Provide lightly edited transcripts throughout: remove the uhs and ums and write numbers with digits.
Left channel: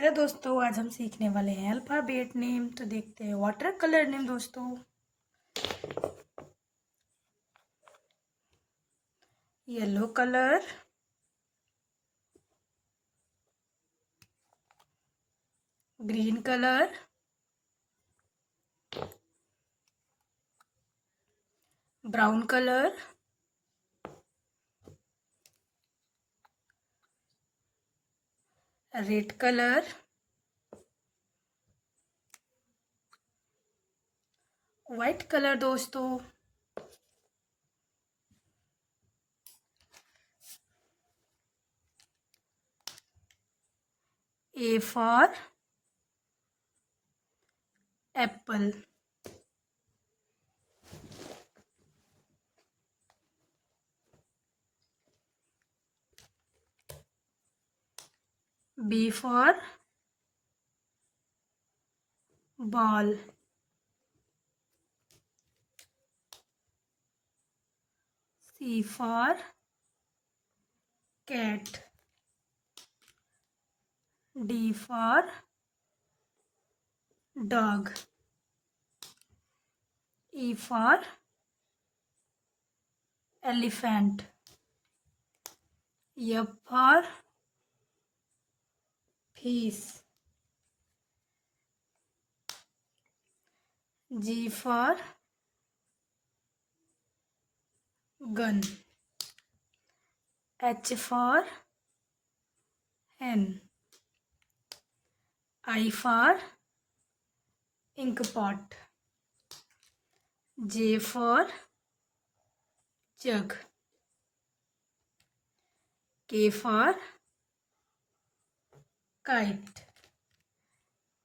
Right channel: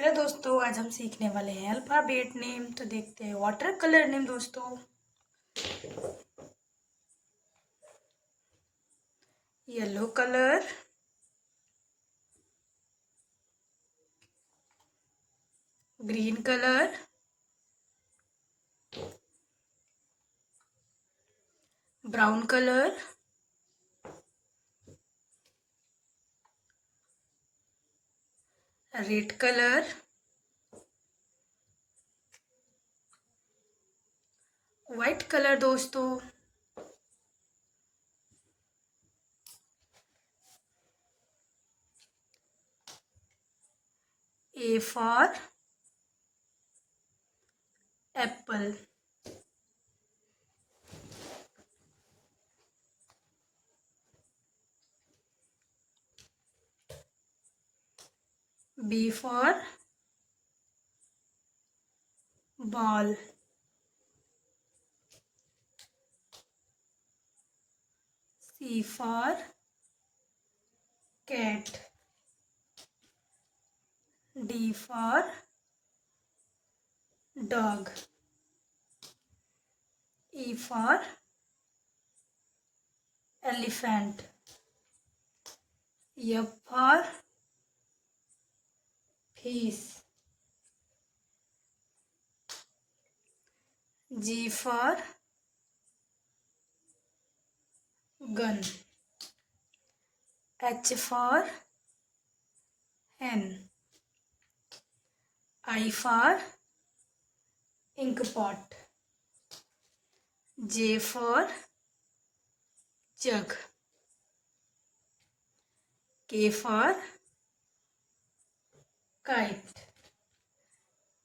Hello दोस्तों, आज हम सीखने वाले हैं अल्फ़ाबेट नेम। तो देखते हैं वाटर कलर नेम दोस्तों। Yellow colour, green colour, brown colour, red colour, white colour दोस्तों, A for apple, B for ball, C for cat, D for dog, E for elephant, F for fish, G for gun, H for hen, I for ink pot, J for jug, K for kite,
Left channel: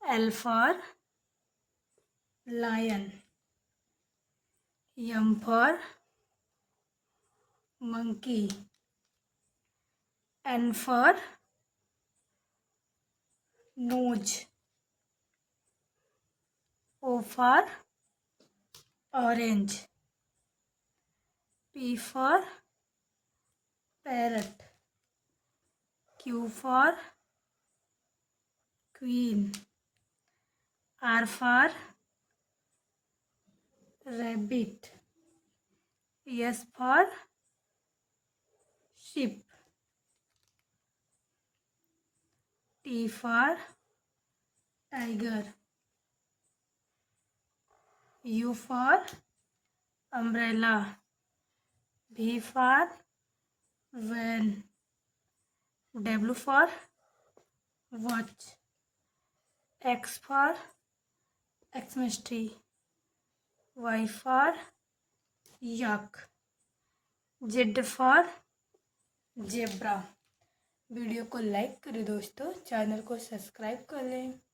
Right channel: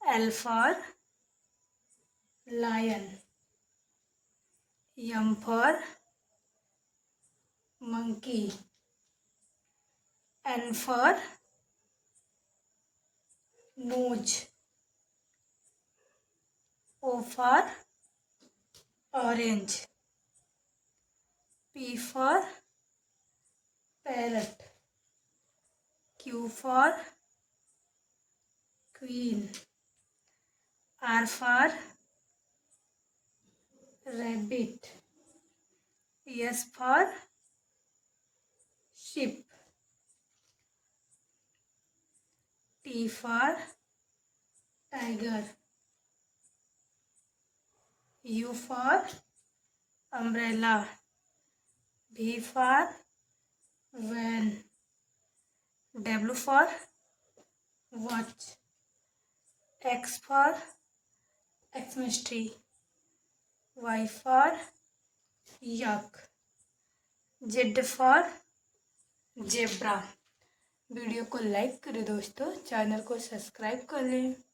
L for lion, M for monkey, N for nose, O for orange, P for parrot, Q for queen, R for rabbit, S for sheep, T for tiger, U for umbrella, V for van, W for watch, X for Xmas tree, Y for yak, Z for zebra। Video को like करें दोस्तों, channel को subscribe कर लें।